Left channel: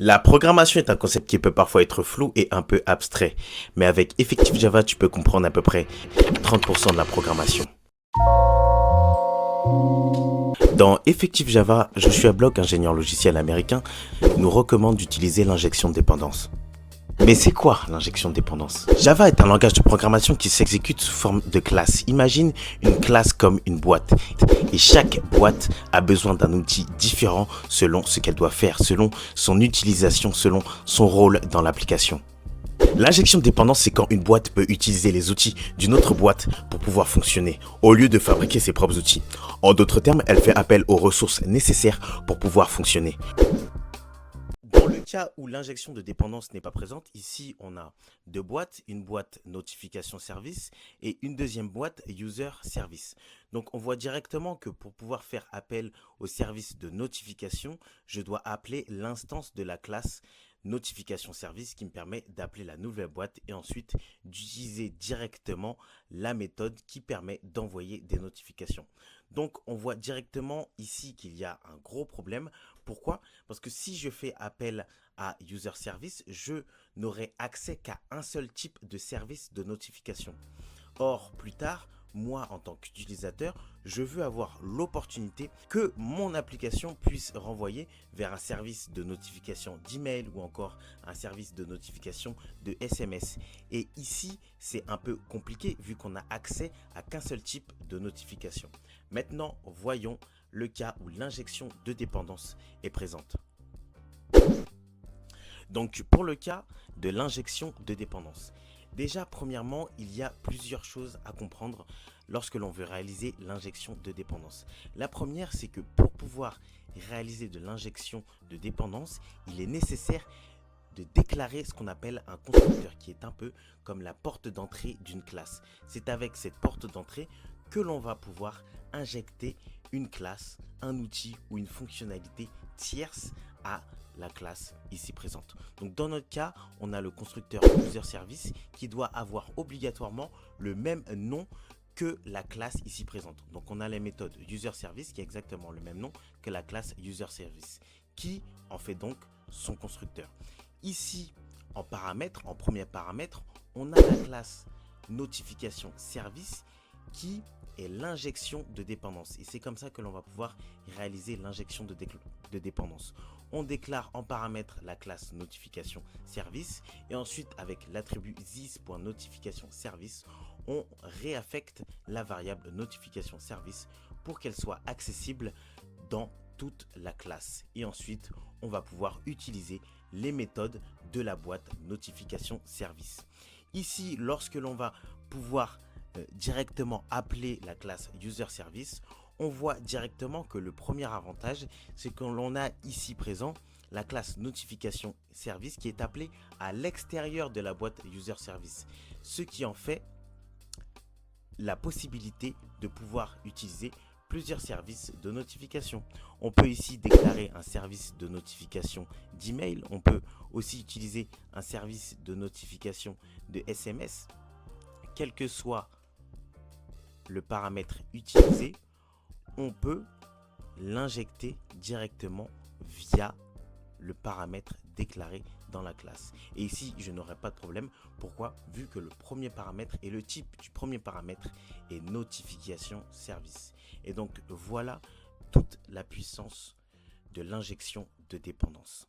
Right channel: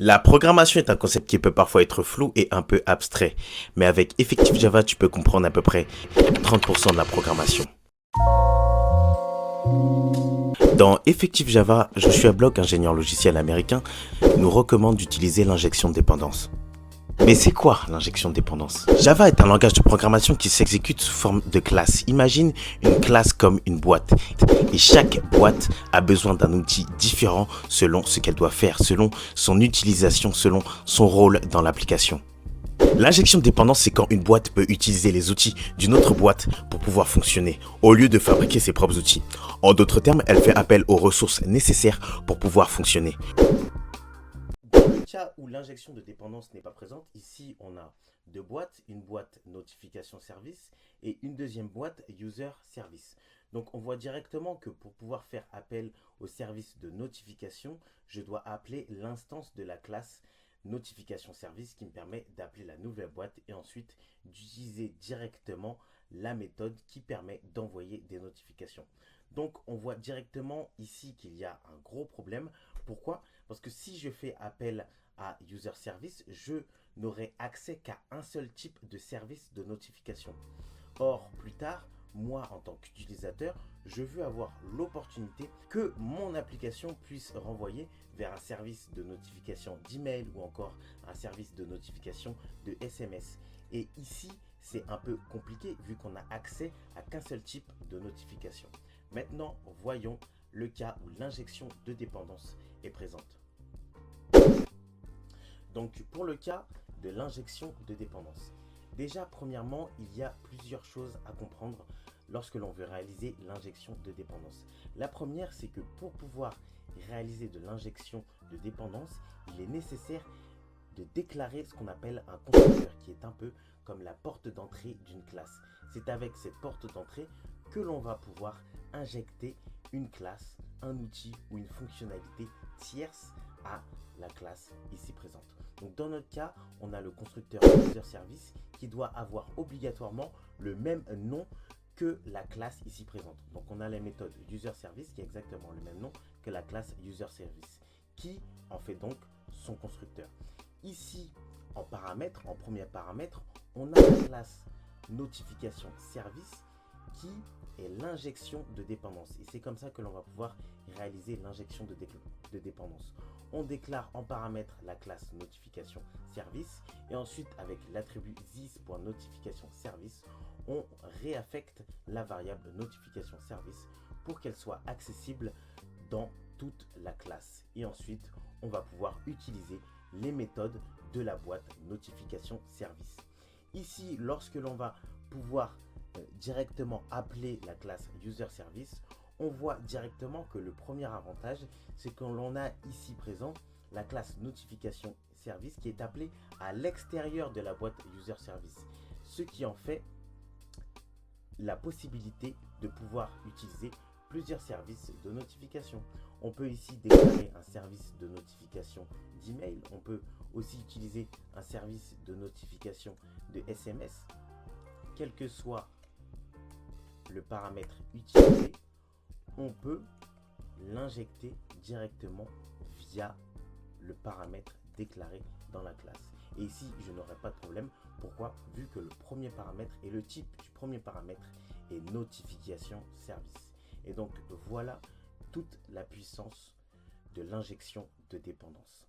La programmation est un concept qui peut parfois être flou et un peu abstrait, mais avec Effective Java, tu peux comprendre à peu près 30% de la programmation. Dans Effective Java, Joshua Block, ingénieur logiciel américain, nous recommande d'utiliser l'injection de dépendance. Mais c'est quoi l'injection de dépendance? Java est un langage de programmation qui s'exécute sous forme de classe. Imagine une classe comme une boîte. Et chaque boîte a besoin d'un outil différent selon ce qu'elle doit faire, selon son utilisation, selon son rôle dans l'application. L'injection de dépendance, c'est quand une boîte peut utiliser les outils d'une autre boîte pour pouvoir fonctionner, au lieu de fabriquer ses propres outils. En d'autres termes, elle fait appel aux ressources nécessaires pour pouvoir fonctionner. Dans le cas où l'injection de dépendance n'est pas présente, ici on a deux boîtes, une boîte notification service et une deuxième boîte user service. Donc on voit directement que pour pouvoir faire appel au service de notification, je dois appeler l'instance de la classe notification service qui me permet d'appeler la nouvelle boîte et ensuite d'utiliser directement la méthode qui permet d'envoyer des notifications. Donc on voit directement ici qu'il y a un gros problème. Pourquoi? Parce que si je fais appel à user service, je n'aurai accès qu'à un seul type de service de notification. Or, plus tard, moi en tant qu'utilisateur, je veux avoir l'opportunité que mon application puisse renvoyer vers un service de notification d'email ou encore un service de notification de SMS. Et ici, c'est un peu compliqué vu qu'on a accès à qu'un seul type de notification. Maintenant, voyons le cas où l'injection de dépendance est présente. Donc, pour le cas de l'injection de dépendance, déjà, premièrement, il y a plusieurs choses à comprendre lorsque l'on veut réaliser l'injection de dépendance. La première, c'est que pour pouvoir réaliser de l'injection de dépendance, il est nécessaire de déclarer ce qu'on appelle un constructeur, qui est un peu comme la porte d'entrée d'une classe. C'est avec cette porte d'entrée que l'on va pouvoir injecter une classe, un outil ou une fonctionnalité tierce à la classe ici présente. Donc dans notre cas, on a le constructeur user service qui doit avoir obligatoirement le même nom que la classe ici présente. Donc on a la méthode user service qui a exactement le même nom que la classe user service, qui en fait donc son constructeur. Ici, en paramètres, en premier paramètre, on a la classe notification service qui est l'injection de dépendance. Et c'est comme ça que l'on va pouvoir réaliser l'injection de dépendance. On déclare en paramètre la classe notification service et ensuite avec l'attribut this.notification service, on réaffecte la variable notification service pour qu'elle soit accessible dans toute la classe. Et ensuite, on va pouvoir utiliser les méthodes de la boîte notification service. Ici, lorsque l'on va pouvoir directement appeler la classe user service, on voit directement que le premier avantage, c'est que l'on a ici présent la classe notification service qui est appelée à l'extérieur de la boîte user service, ce qui en fait la possibilité de pouvoir utiliser plusieurs services de notification. On peut ici déclarer un service de notification d'email, on peut aussi utiliser un service de notification de SMS, quel que soit le paramètre utilisé, on peut l'injecter directement via le paramètre déclaré dans la classe. Et ici, je n'aurai pas de problème. Pourquoi? Vu que le premier paramètre et le type du premier paramètre est notification service. Et donc, voilà toute la puissance de l'injection de dépendance.